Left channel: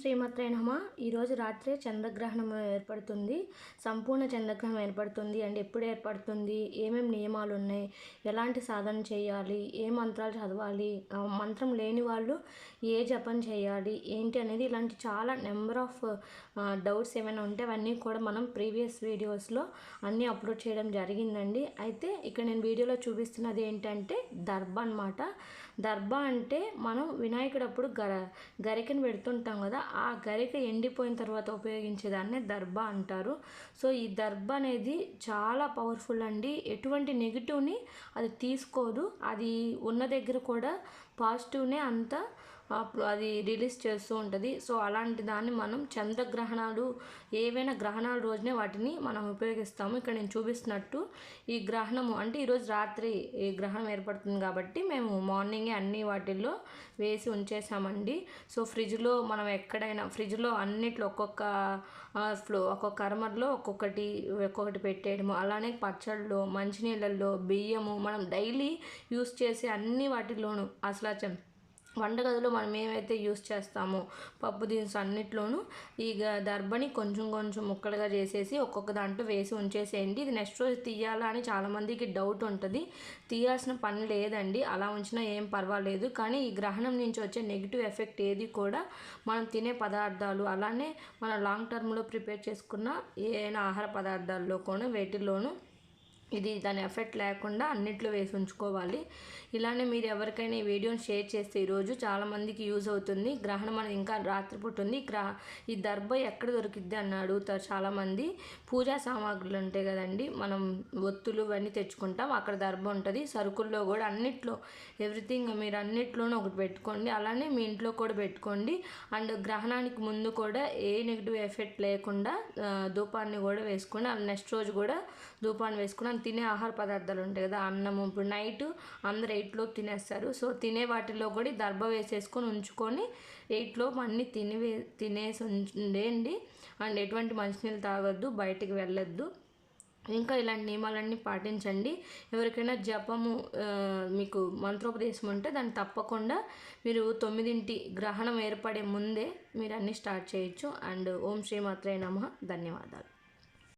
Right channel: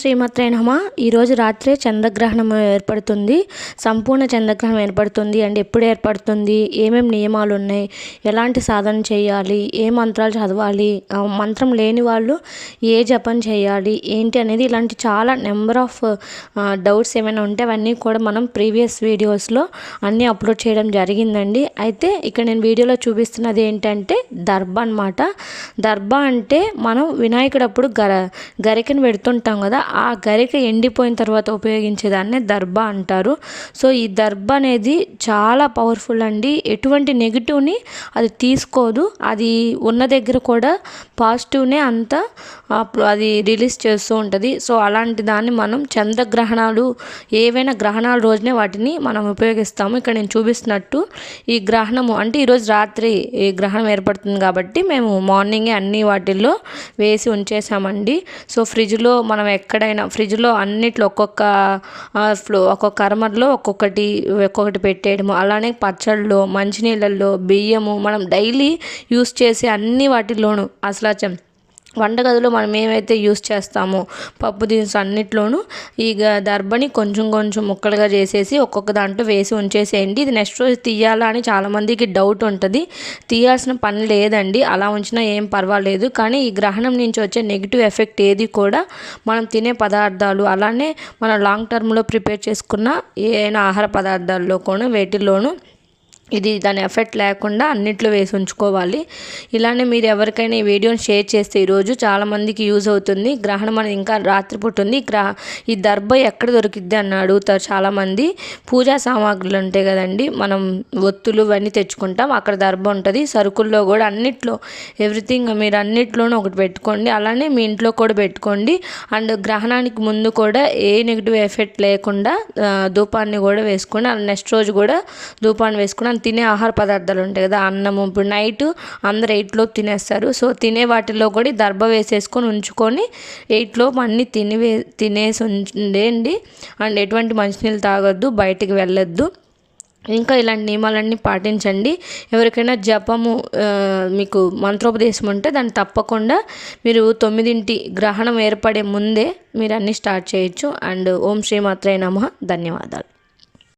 శ్రీమాత్రే నమః. ఈరోజు రాత్రే చంద్రగ్రహణం ఏర్పడుతుంది. సంపూర్ణ చంద్రగ్రహణం ఏర్పడుతుంది. అండ్ ఎప్పుడు ఏర్పడుతుంది, ఏమేమి నియమాలు ఉన్నాయి, ఎలాంటి సాధన చేయాలి, ఏ మంత్రాలు చదవాలి, మంత్రం లేని వాళ్ళు ఏ జపం చేయాలి, ఏంటి అనేది ఇలాంటి చాలా నెంబర్ ఆఫ్ డౌట్స్ ఏమైనా ఉంటే అవన్నీ కూడా మనం ప్రీవియస్ వీడియోస్లో అన్నీ అప్లోడ్ చేయడం జరిగిందండి. అయితే ఇక్కడ నేను వీడియోలో చూపిస్తున్నది ఏంటంటే దర్భ అనమాట. దర్భ అంటే మనం వినాయకుడు అప్పుడు గరికను పెడుతుంటాం కదా, ఆ గరిక ఎండిపోయిన తర్వాత ఉపయోగించేదాన్నే దర్భ అంటారు. సో ఈ దర్భ అనేది చాలా పవర్ఫుల్ అండి. ఎటువంటి నెగిటివ్ని అది తీసుకోదు. అది ఉన్న దగ్గర కూడా పాజిటివ్నే అంతా అది రిలీజ్ చేస్తూ ఉంటుంది. సో అలాంటి దాన్ని మనం చంద్రగ్రహణాలు ఏవైనా గ్రహణాల రోజునే వాటిని మనం ఉపయోగిస్తాము. ఇక్కడ నేను చూపిస్తున్నట్టు ఈ గ్రహణము అంటే ఈరోజు రాత్రి ఈ గ్రహణం ఏర్పడుతుంది కాబట్టి మేము మార్నింగే అన్ని వాటిల్లో వేసి ఉంచేసామండి. సో ఫ్రిడ్జ్లో మనం ఎక్కడైనా ఫ్రిడ్జ్లో అన్నిట్లో ఒక్కొక్క అరమర్లో ఒక్కొక్కటి పెట్టేయడము, అలానే పచ్చళ్ళు, మంచినీళ్ళల్లో, బియ్యము, మనం డైలీ యూస్ చేసే అన్ని వాటిల్లోనూ అసలు వంటగదిలో మనం ఏమైతే యూస్ చేస్తామో పప్పు దినుసు అన్నిట్లోనూ ఈ దర్భని కొంచెం కొంచెం ముక్కలుగా చేసేసి ఒక్కొక్క దాంట్లో వేసి ఉంచేసేయండి. ఇది నెక్స్ట్ రోజు తీయాలా అని చాలామందికి డౌట్ ఉంటుంది. తీయాల్సిన పని లేదండి, అలా ఉంచినా ఏం పర్వాలేదు. కానీ ఈ గ్రహణం నుంచి వచ్చే నెగిటివ్ ఎఫెక్ట్ ఏది కూడా మనం తినే పదార్థాలు, అలానే మనం లాంగ్ టర్మ్లో ప్రిపేర్ చేసుకున్న ఏదైనా ఆహార పదార్థాల్లో కూడా వేటిల్లోనూ ఇది దాని ఎఫెక్ట్ లేకుండా అన్నిట్లో వేసి ఉంచుకోవాలి. ఇలానే మీరు ఎవరికైనా ఈ వీడియోని షేర్ చేస్తే ఈరోజు చాలామందికి యూజ్ అవుతుంది. గ్రహణం అనేది ఇంకా రాత్రిపూట ఉంది. ఈ దర్భ ఎక్కడ దొరికిద్ది అని అడుగుతారు చాలామంది. పూజా సామాగ్రులు ఉంటాయి కదండి, మనం ఒత్తులు ఇవన్నీ తెచ్చుకుంటాం, అక్కడ దర్భ ఉంటుంది. సరుకుల్లో కూడా అన్నిట్లో ఎవ్రీథింగ్ మీరు అన్నిట్లోనూ ఒకటి పెట్టుకోండి. అలానే మీ ఇంట్లో కూడా పెట్టుకోండి. అండ్ గ్రహణానికి ముందు కూడా ఏ నెగిటివ్ ఎఫెక్ట్ లేకుండా ధూపాన్ని కూడా వేసుకోండి. నెక్స్ట్ రోజు కూడా ధూపాన్ని వేసుకుని తినే ఆహార పదార్థాలు ఉంటాయి కదా, అన్నము ఇప్పుడు నైట్ అందరు 8 తినేస్తారు. సో తినే వాటిల్లో కూడా దర్భ వేసేసుకొని ఉంచుకొని 8 అన్నీ తినేసి ఉండేయండి. అండ్ ఎటువంటి మంచినీళ్ళు తాగొద్దు, బయటికి వెళ్ళొద్దు. ఇంకా ఇలాంటి నియమాలన్నీ పాటించండి. ఎవరికైనా జపము మీకు మంత్రోపదేశం ఉంటే దాన్ని తప్పకుండా మీరు 9 గ్రహణం ఏర్పడే ముందే మీరు అన్నీ స్టార్ట్ చేయొచ్చు. అండ్ ఓం శ్రీమాత్రే నమః. ధన్యవాదాలు.